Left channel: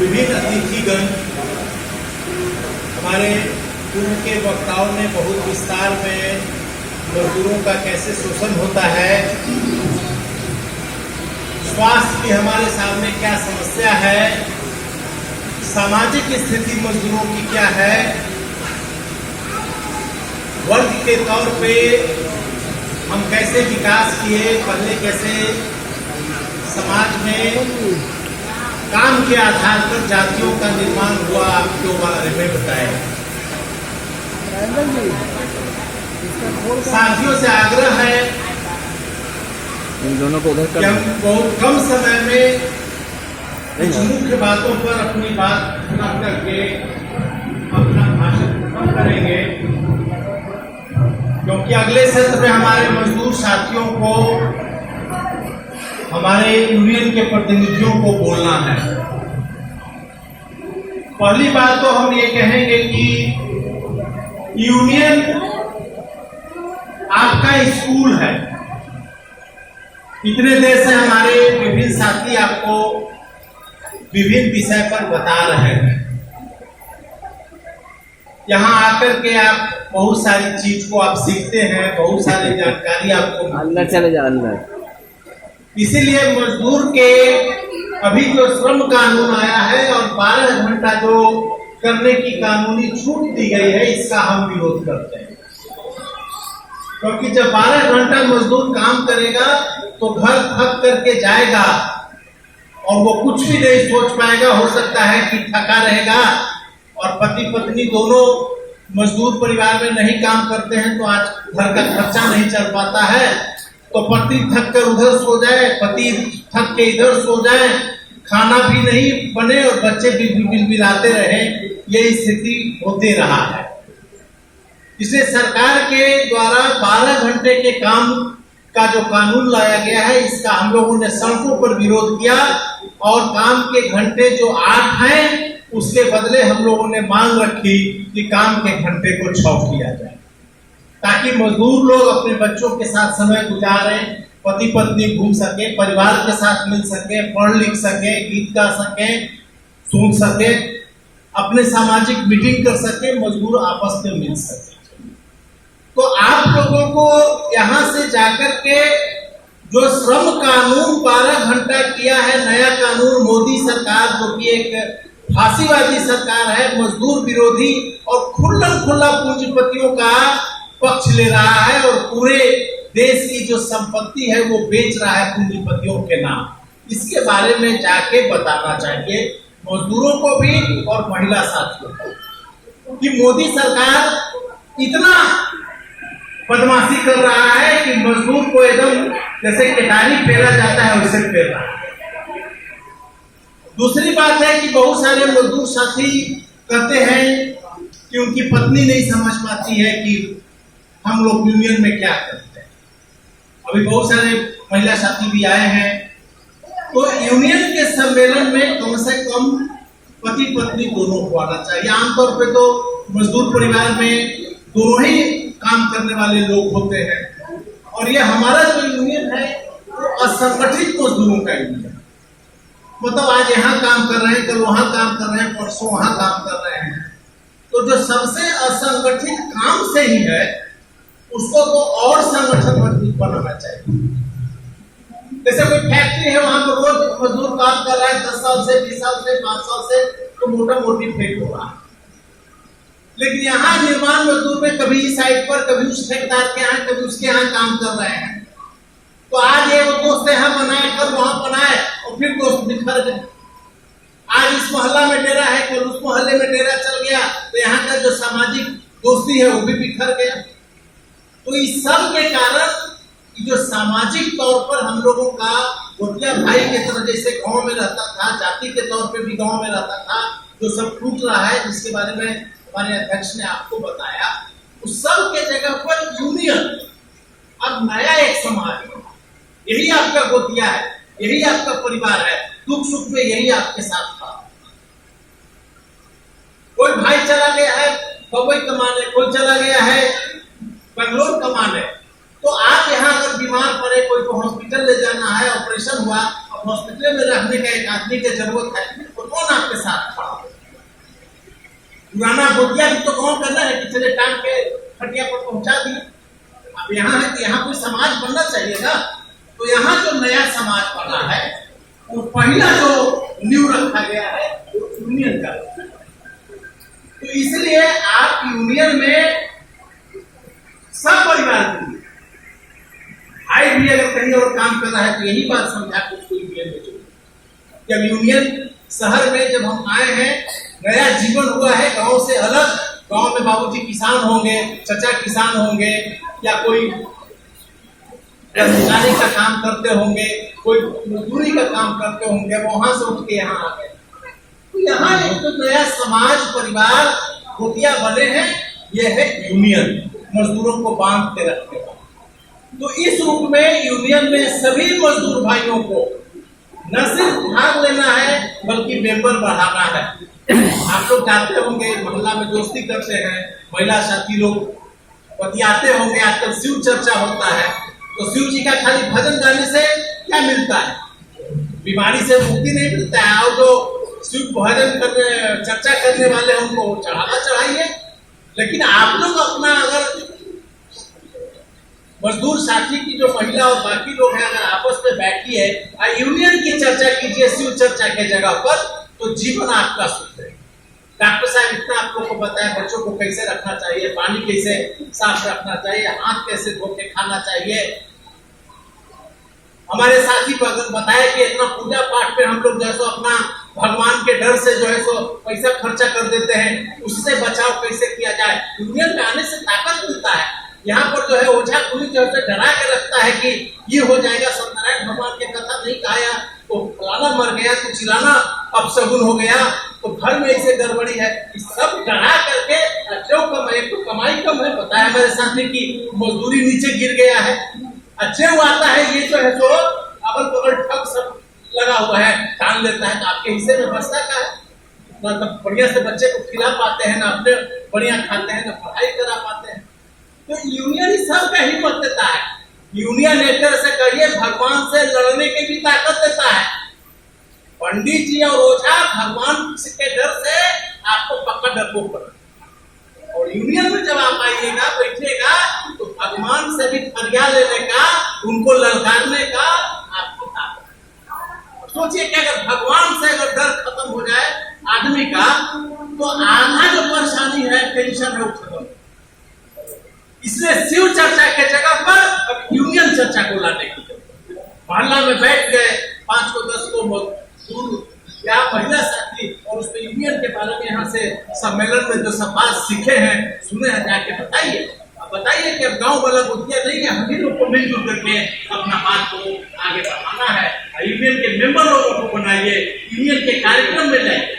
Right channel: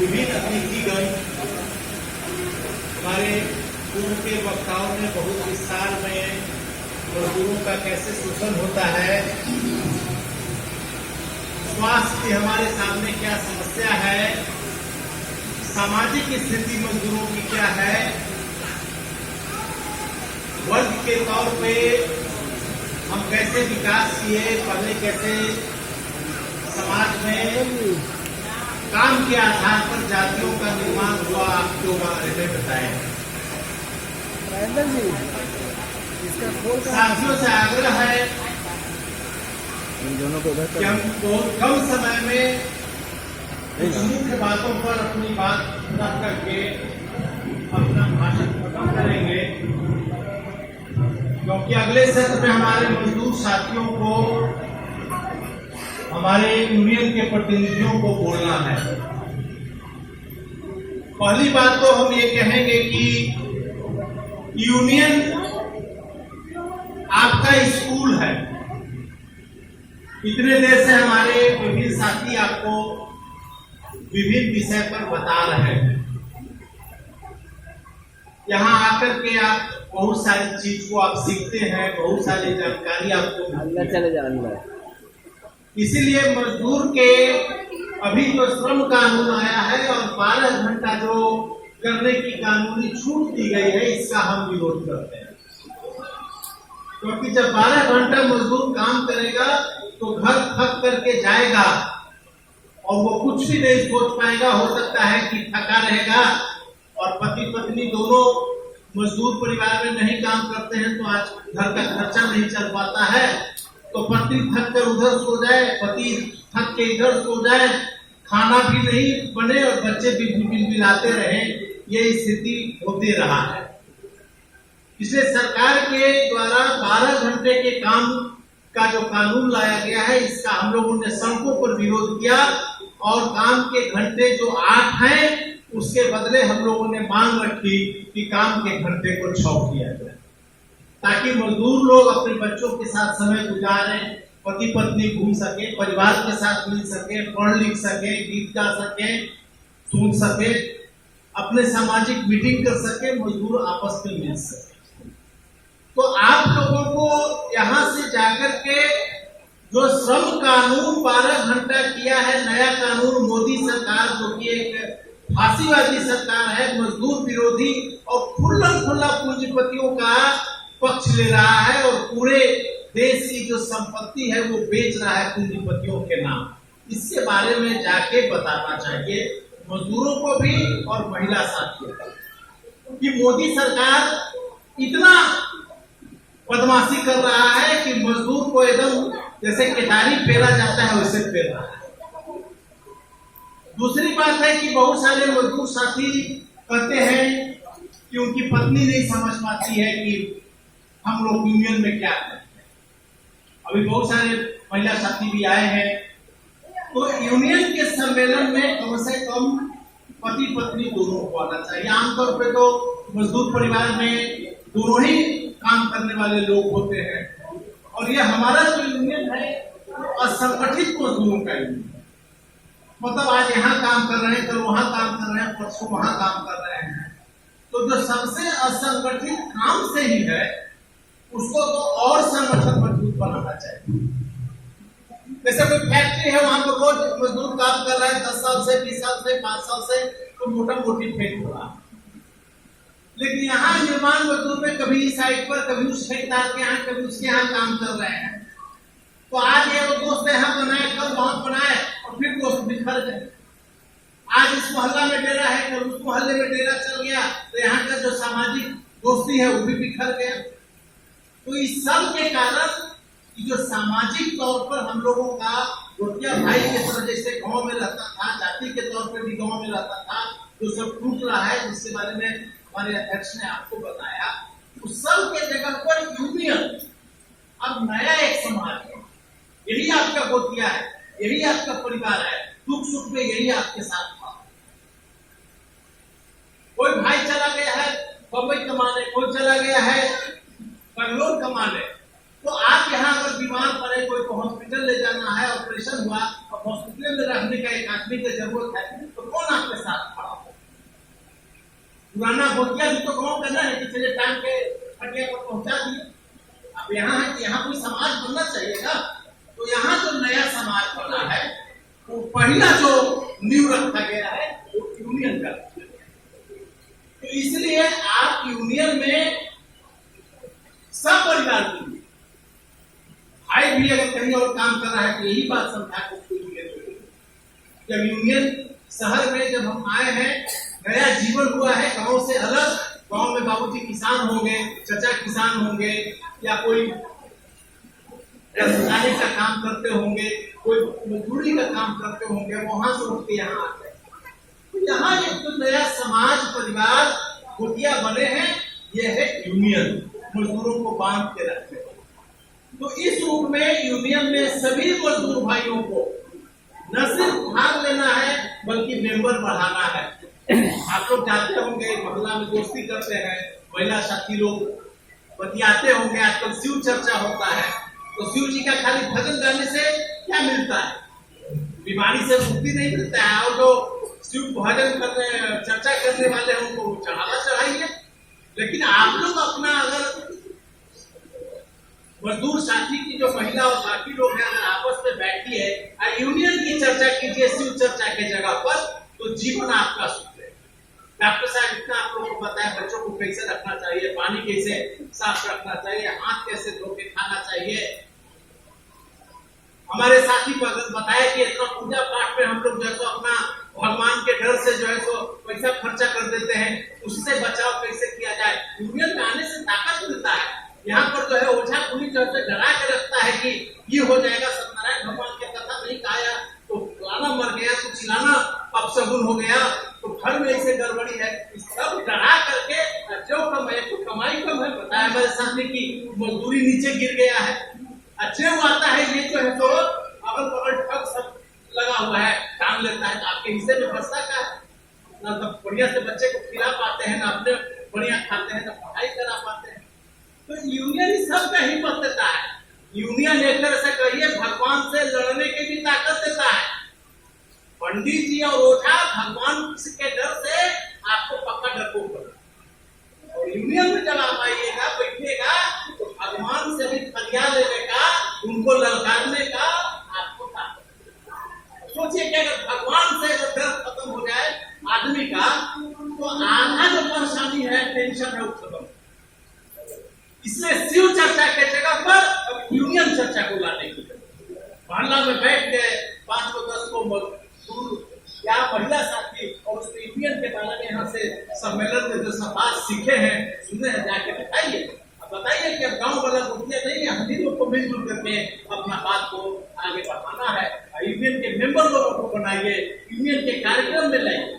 विभिन्न अतिथिगण, हमारे पूर्व के वक्ताओं ने बहुत विस्तार में मजदूरों का कैसे शोषण होता है, स्वास्थ्य की हमारे सामने क्या समस्या है, सामाजिक स्थिति मजदूरों की क्या है, वर्ग के तौर पे हम कैसे विकास किए, पहले कैसे समाज में काम के आधार पर जातियों का निर्माण हुआ, आपके बारे में बताया। साथियों से आग्रह है इन दोनों को कि हम बहुत कम समय में कुछ मुख्य बातों पर अपनी बात पूरा करके अपना भाषण खत्म करेंगे, क्योंकि अगले सत्र में हमारे मजदूर साथियों को, हमारे यूनियन के प्रतिनिधियों को बोलना है। पहली बात तो हम ये कहेंगे कि यूनियन आपका स्कूल है। इतने देर से हमारे विभिन्न साथी आपको विभिन्न विषय पर बता रहे हैं। यहाँ आकर के आप बहुत सारी चीज को आप सीखते हैं, बहुत सारी जानकारी आपको अंदर चले जा अंदर। इसीलिए मजदूर के अभी जो श्रम कानून आया है और 12 घंटा जो करने की कानूनी छूट दी गई है, इसका हम विरोध करते हैं। क्योंकि जब 12 घंटा मजदूर काम करेगा तो घर थक करके जाएगा और वो कुछ भी नहीं सोच पाएगा। हो सकता है कि थका रहेगा, और पति पत्नी दोनों मजदूर परिवार में नहीं काम करते हैं तो आज घर का खर्चा नहीं चल पाता है, तो पति थक कर उधर सो जाए, पति थक के इधर सो जाए, खाना भी नहीं बने और बच्चे भी बिलबिलाते रहे, ये स्थिति होते रहा है। इसलिए सरकार के द्वारा 12 घंटे के काम का जो कानून लाया गया है, इसका हम लोगों ने सड़कों पर विरोध किया और काम के घंटे जो 8 हैं उसके बदले हम लोगों ने मांग रखी कि काम के घंटे को 6 किया जाए, ताकि मजदूर लोग अपने बच्चों के साथ समय गुजारें, पति पत्नी घूम सके, परिवार के साथ मिल सके, पढ़ लिख सके, गीत गा सके, सुन सके, अपने सामाजिक मीटिंग कर सके, मजदूर आपस में मिल सके। तो आप लोगों को यहाँ से जाकर के जो श्रम कानून 12 घंटा किया है, नया कानून मोदी सरकार, जो कि एक फांसीवादी सरकार है, मजदूर विरोधी और खुला पूंजीपतियों का पक्ष ले रहा है और पूरे देश की जो संपत्ति है वो बेच रहा है पूंजीपतियों के नाम, इसके बारे में जाके बताना चाहिए मजदूरों को भी और महिला साथियों को कि मोदी सरकार इतना बदमाशी कर रहा है कि मजदूर को एकदम जैसे केतारी फेरा जाता है वैसे फेर रहा है। दूसरी बात है कि बहुत सारे मजदूर साथी कहते हैं कि उनकी पत्नी नहीं समझ पाती है कि हम लोग यूनियन में क्या करते हैं। अभी बहुत सारे महिला साथी भी आए हैं, तो यूनियन के सम्मेलन में कम से कम पति पत्नी दोनों को आना चाहिए। आमतौर पे तो मजदूर परिवार में दोनों ही काम करने वाले लोग होते हैं, और ये हमारा जो यूनियन है वो असंगठित मजदूरों का यूनियन है। मतलब आज यहाँ काम कर रहे हैं, कल वहां काम कर रहे हैं, परसों वहां काम कर रहे हैं। तो जो सबसे असंगठित काम से ही है उसको तो और संगठन मजबूत बनाना चाहिए। जैसे कोई फैक्ट्री है, वहां पर रोज मजदूर काम कर रहा है 10 साल से, 20 साल से, 5 साल से, तो मोटा मोटी फेंक हो रहा है। लेकिन यहाँ निर्माण मजदूर में कभी इस साइड पर, कभी उस ठेकेदार के यहाँ, कभी उसके यहाँ काम कर रहे हैं। तो आज ये वो दोस्त यहाँ बनाए, कल वहां बनाए और फिर दोस्त बिखर गए। आज इस मोहल्ला में डेरा है, कल उस मोहल्ले में डेरा चल गया, तो यहाँ का जो सामाजिक दोस्ती है वो भी बिखर गया। तो इस सब के कारण जो सामाजिक तौर पर हम लोगों का गोतिया भाई के तरह जैसे गांव में रहता था, जाति के तौर पे भी गांव में रहता था, जो सब टूट रहा है, जिसके बारे में हमारे अध्यक्ष ने आपको बताया, उस सब के जगह पर यूनियन अब नया एक समाज है। यही आपका गोतिया है, यही आपका परिवार है, दुख सुख में यही आपके साथ था। कोई भाई चला गया है बम्बई कमाने, कोई चला गया है बेंगलोर कमाने, तो आप यहाँ अगर बीमार पड़े, कोई को हॉस्पिटल ले जाना है, ऑपरेशन हुआ, अब हॉस्पिटल में रहने का एक आदमी की जरूरत है, तो कौन आपके साथ खड़ा हो? पुराना गोतिया भी तो कौन करना है कि चले टांग के खटिया पर पहुंचा दिए। अब यहाँ है कि यहाँ कोई समाज बनना चाहिए ना। तो यहाँ जो नया समाज बना है वो पहला जो नींव रखा गया है वो यूनियन का। तो इसलिए आप यूनियन में सब परिवार के लिए, भाई भी अगर कहीं और काम कर रहा है तो यही बात समझा को उसको यूनियन में जोड़ो। जब यूनियन शहर में जब हम आए हैं, नया जीवन हुआ है गांव से अलग। गांव में बाबूजी किसान होंगे, चचा किसान होंगे, या कोई रसदारी का काम करते होंगे, कोई मजदूरी का काम करते होंगे, वहां से उठ के यहाँ आ गए। तो यहाँ एक तो नया समाज परिवार गोतिया बने हैं, ये है यूनियन, मजदूरों को बांध के रखने वाला। तो इस रूप में यूनियन में सभी मजदूर भाइयों को न सिर्फ भाग लेना है बल्कि मेंबर बढ़ाना है। आप लोग जानते होंगे मोहल्ला में दोस्ती करते हैं, महिला साथी लोग बतियाते होंगे, आजकल शिव चर्चा होता है। तो शिव जी का खाली भजन गाने से क्या मिलता है? बीमारी से मुक्ति नहीं मिलता है। और जो शिव भजन करने चर्चा करने वाले हैं उनको चढ़ावा चढ़ाइए। लेकिन आप लोग अपना अगर मजदूर साथी की जो महिला और बाकी लोग हैं अगर आपस में बैठिए, यूनियन की चर्चा कीजिए शिव चर्चा के जगह पर, तो जीवन आपका सुख है। डॉक्टर साहब इतना आप लोग को बताया बच्चों को कैसे रखना चाहिए, पानी कैसे साफ रखना चाहिए, हाथ कैसे धो के खाना चाहिए। हमारे साथी बताया कि इतना पूजा पाठ में हम लोग जैसे अपना भगवान के डर से जो है सो पैसा खर्चा कर देते हैं, उससे बचाव कैसे किया जाए। यूनियन में आने से ताकत मिलता है। यहाँ पर जो है ओझा पुलिस जो है डरा के रखता है कि ये हो जाएगा, सत्यनारायण भगवान के कथा नहीं खाया तो फलाना मर गया, तो चिल्लाना अपशगुन हो गया, तो घर में ऐसे गड़बड़ी है। इस सब डरा करके जो कम है तो कमाई कम है। बताया मेरे साथी की मजदूरी नीचे गिर गया है, अच्छे आता है, ये जो है तो अगल बगल ठग सब लगा हुआ है, टांग लेता है। तो आपके हिस्से में बचता का है ना? तो बढ़िया से बच्चे को खिला पाते हैं ना, अपने बढ़िया खाते हैं ना, पढ़ाई करा पाते हैं। तो यूनियन ही सबका हिम्मत देता है। यूनियन एक तरह से कहिए भगवान से लड़ने की भी ताकत देता है। पंडित जी और ओझा भगवान के डर से आपको पक्का डरपोक कर, और यूनियन में जब आप आइएगा बैठिएगा तो भगवान से भी फरियाद लेने का, उनको ललकारने का आपको ताकत। सोचिए कि अगर भगवान से अगर डर खत्म हो जाए आदमी का, तो आधा जो परेशानी है, टेंशन है, वो खत्म। इसलिए शिव चर्चा के जगह पर अब यूनियन चर्चा को लाने की मोहल्ला में बैठ गए 5 को 10 को मजदूर या महिला साथी, और उसमें यूनियन के बारे में यहाँ से सम्मेलन में जो सब बात सीखे हैं सुने हैं, जाके बताइए। अब बताइए कि अब गांव वाला गोतिया नहीं है, हम ही लोग को मिलजुल करके अपना बात को आगे बढ़ाना है। यूनियन के मेंबर लोगों को बनाइए, यूनियन के कार्यक्रम में लाइए।